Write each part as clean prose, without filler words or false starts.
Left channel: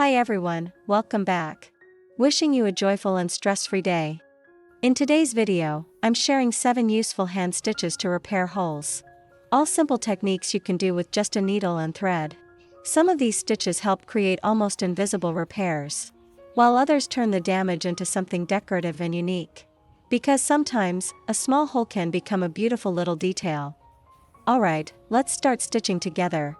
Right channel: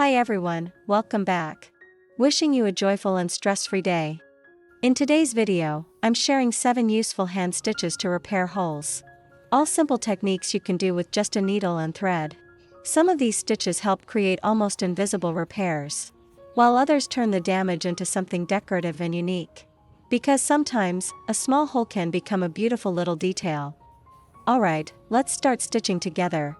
Hi everyone, welcome back. Wishing you a joyful and stress-free day. In today's video, I'm sharing 7 useful hand stitches to repair holes. All simple techniques you can do with just a needle and thread. Some of these stitches help create almost invisible repairs, while others turn the damage into something decorative and unique. Because sometimes, a small hole can become a beautiful little detail. Alright, let's start stitching together.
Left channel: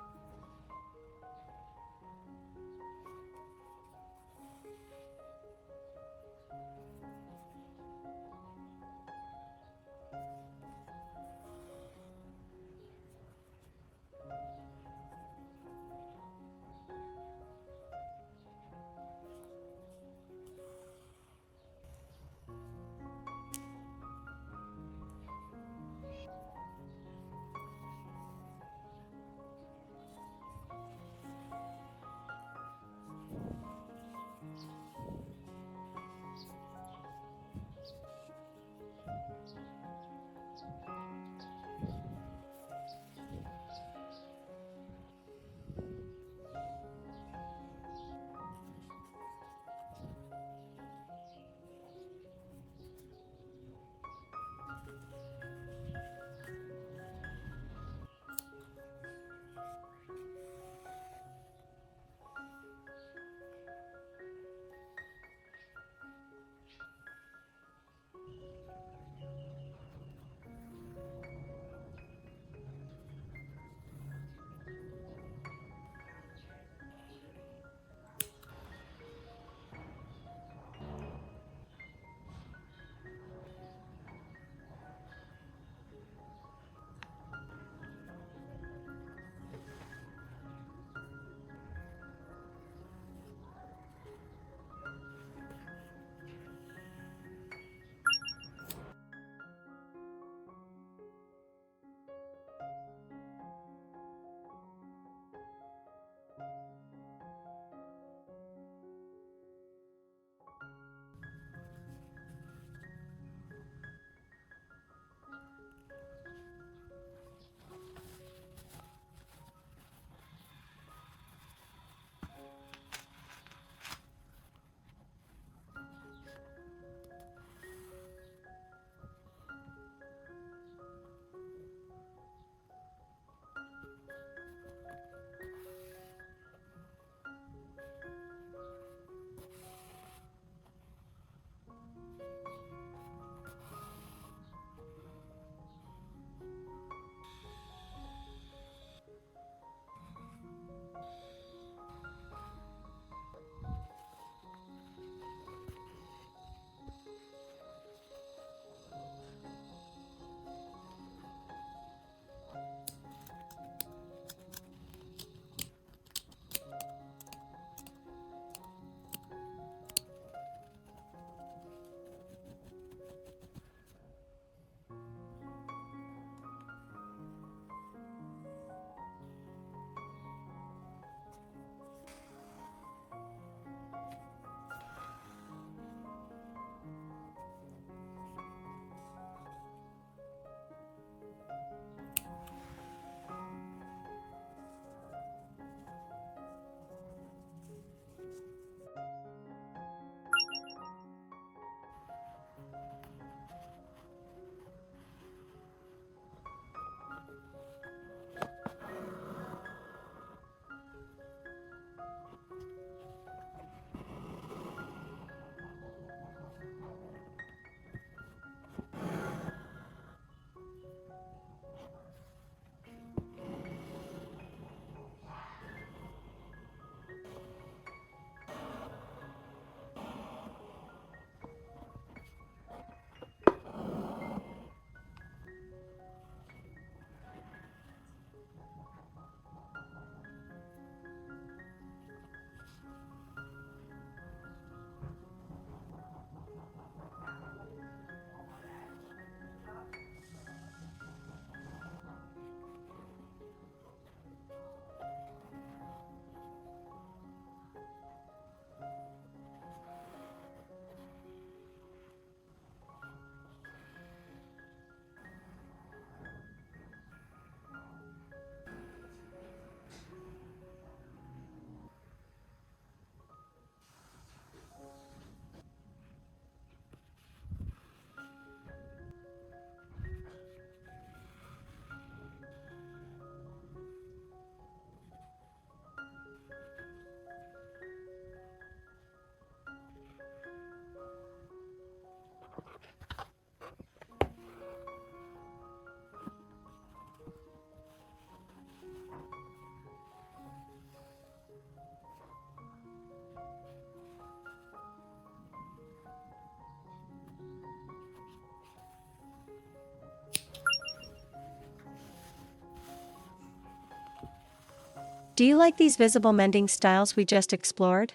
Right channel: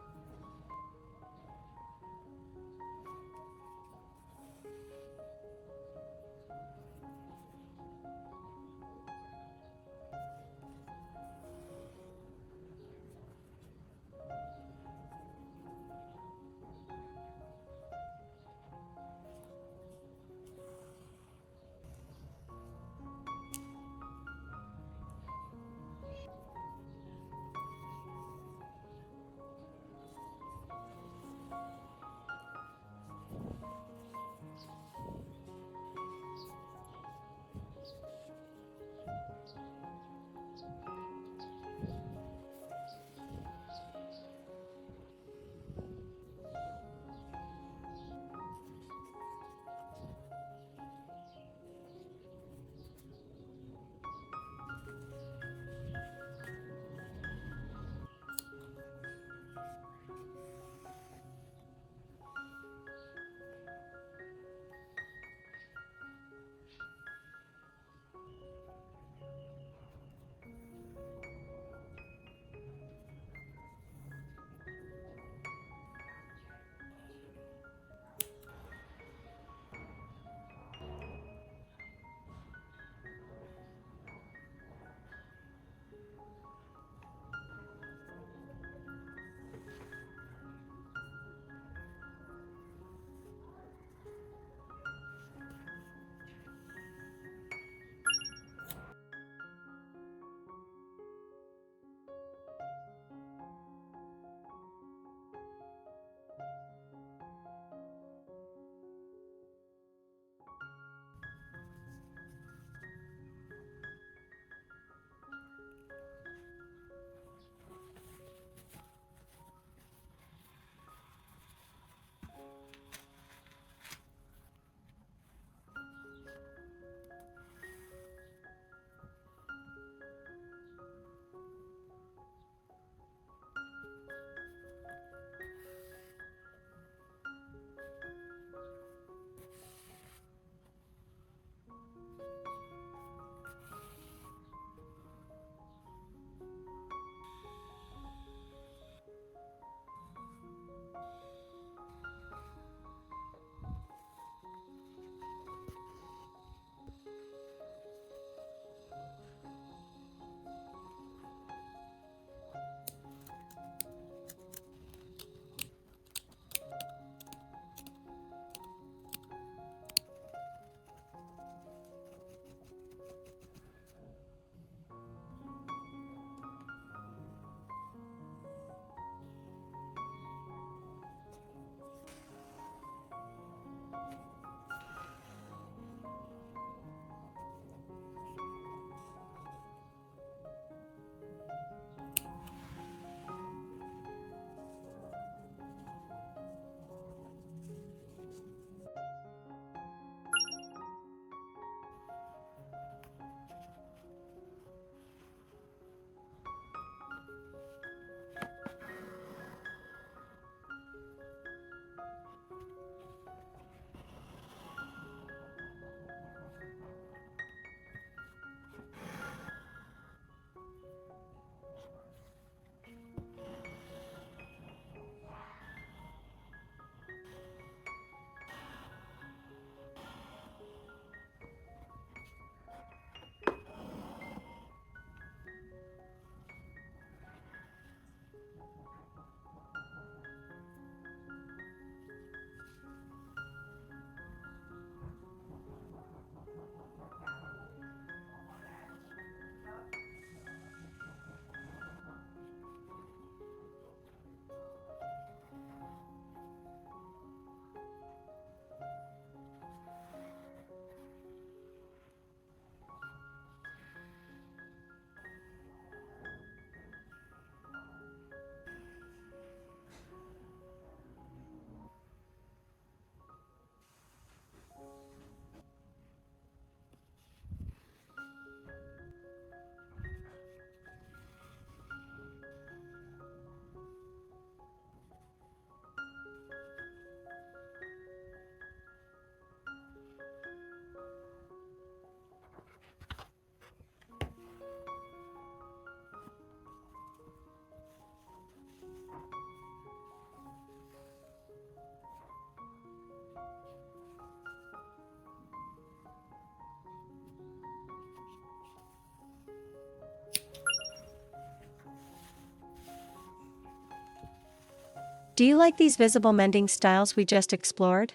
Do you like these visible mending styles we just explored?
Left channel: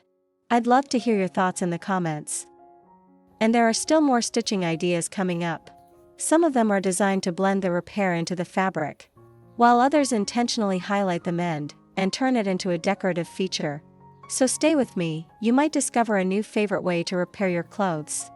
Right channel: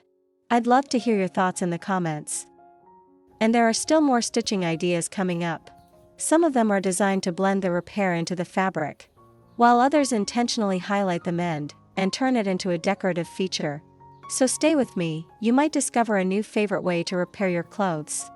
I'd love to hear your thoughts in the comments. And there are still more stitching ideas coming up. Some of them are designed to blend the repair into the fabric, while others intentionally highlight the mend and turn it into a decorative feature. So stay with me, you might discover a new favorite way to repair your clothes.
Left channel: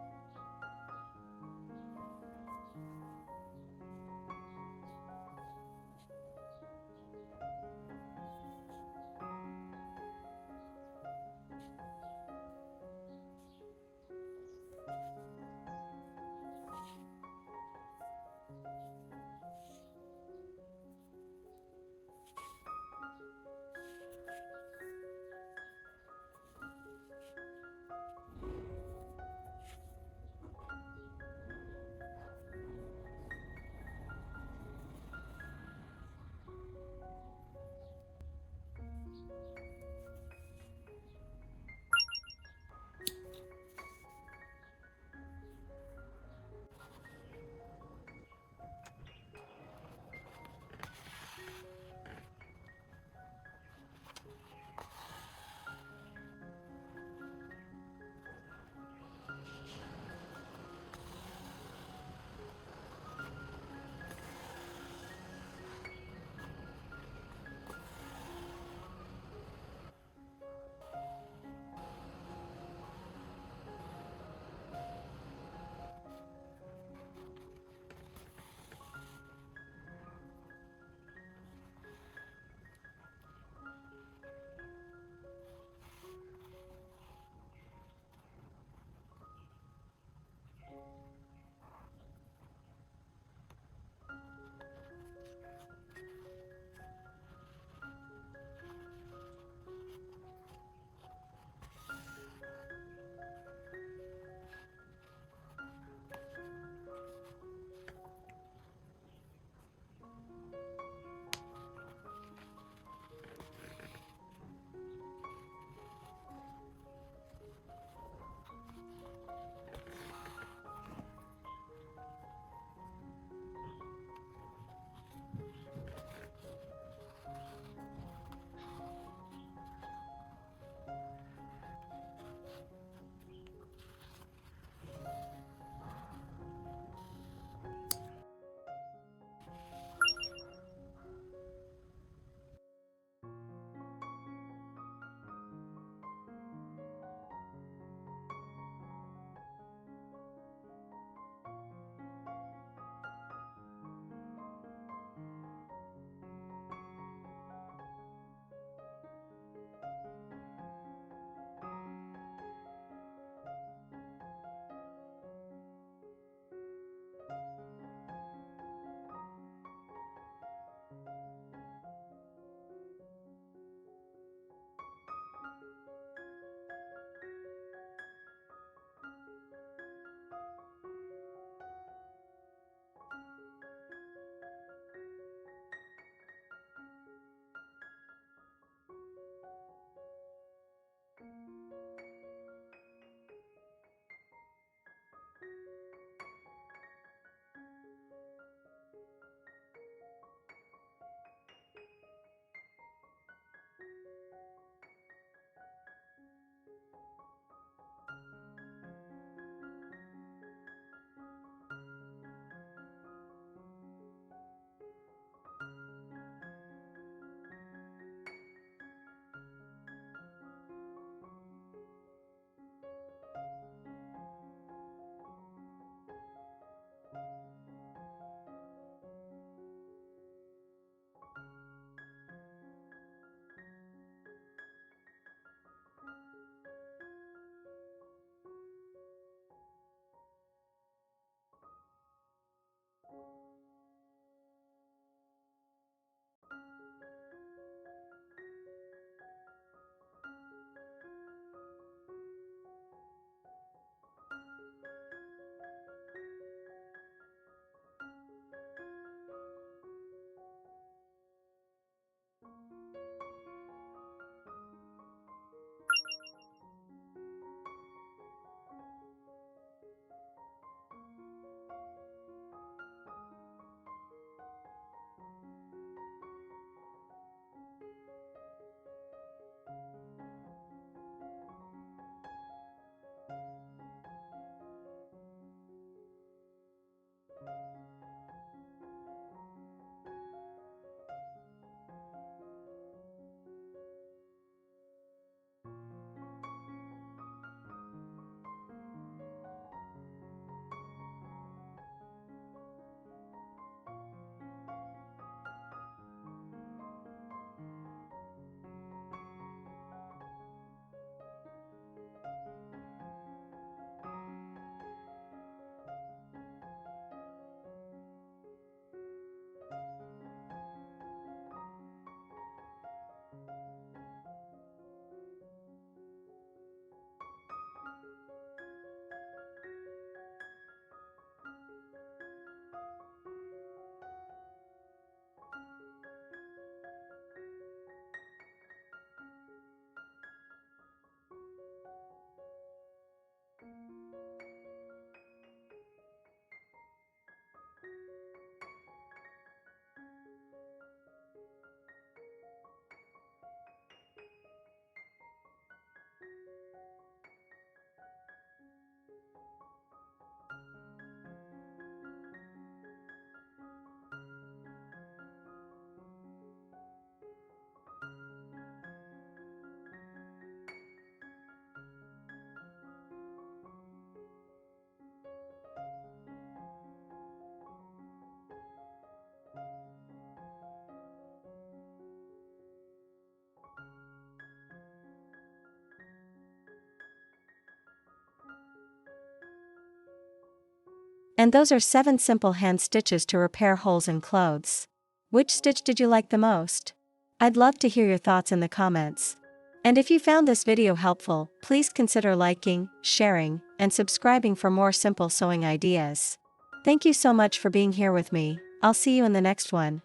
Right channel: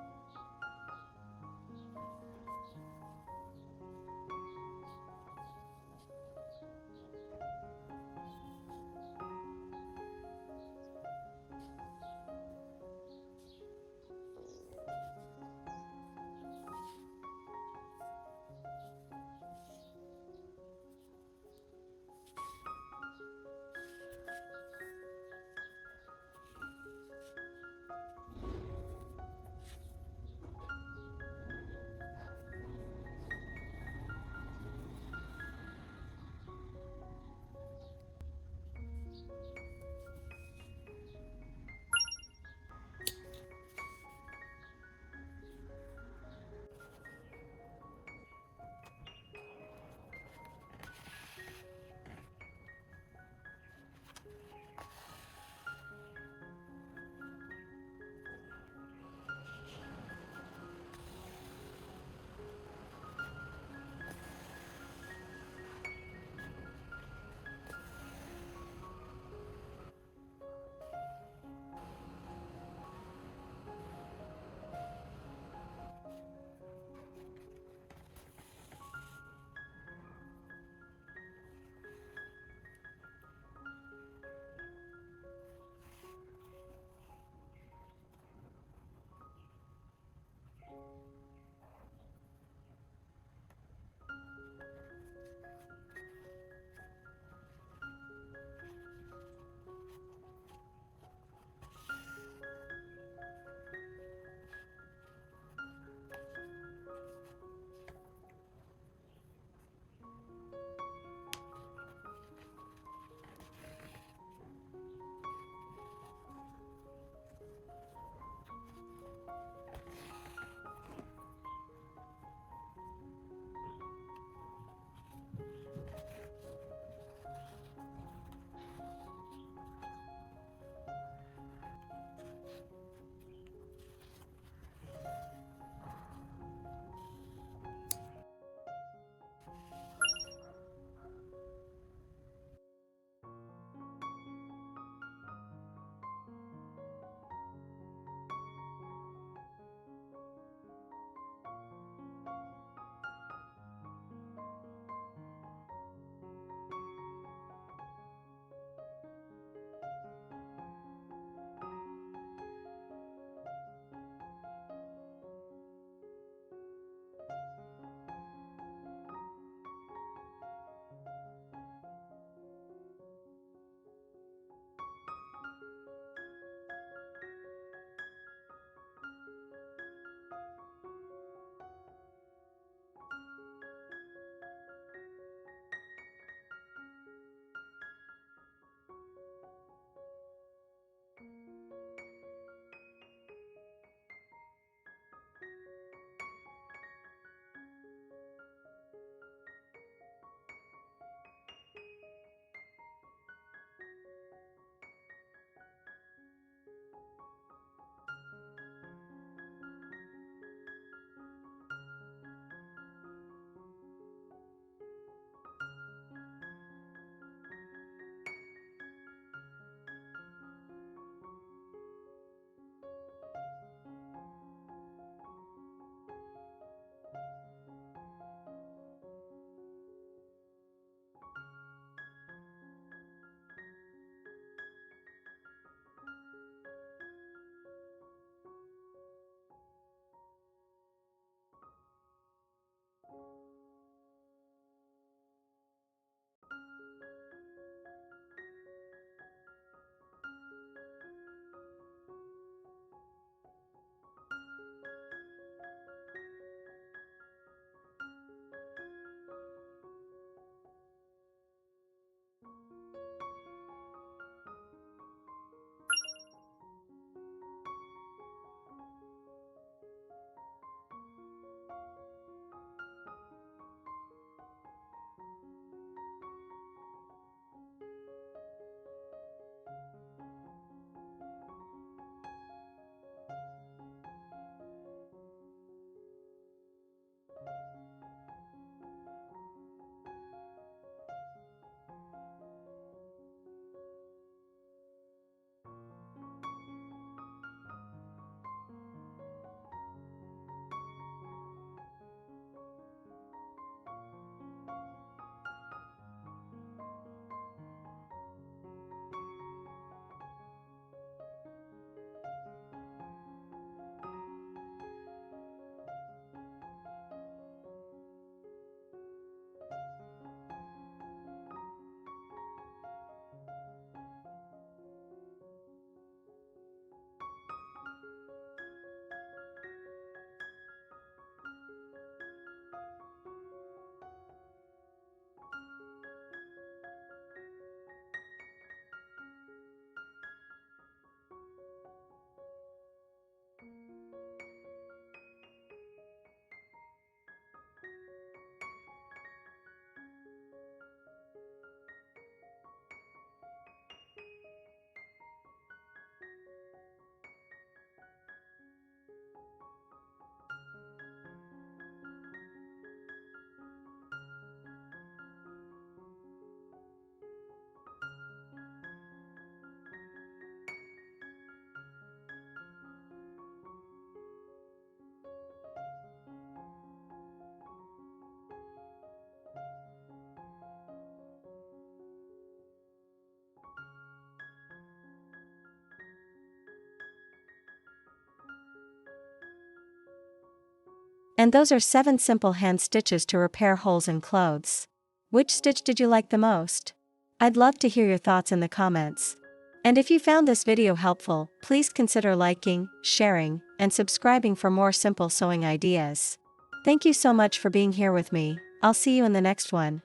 And those are 7 simple hand stitches to repair holes in clothes. Which stitch did you like the most? I'd love to hear your thoughts in the comments. And if you found this video helpful, please consider liking, sharing, and subscribing for more simple sewing ideas. Thank you so much for being here with me. I'll see you in the next one.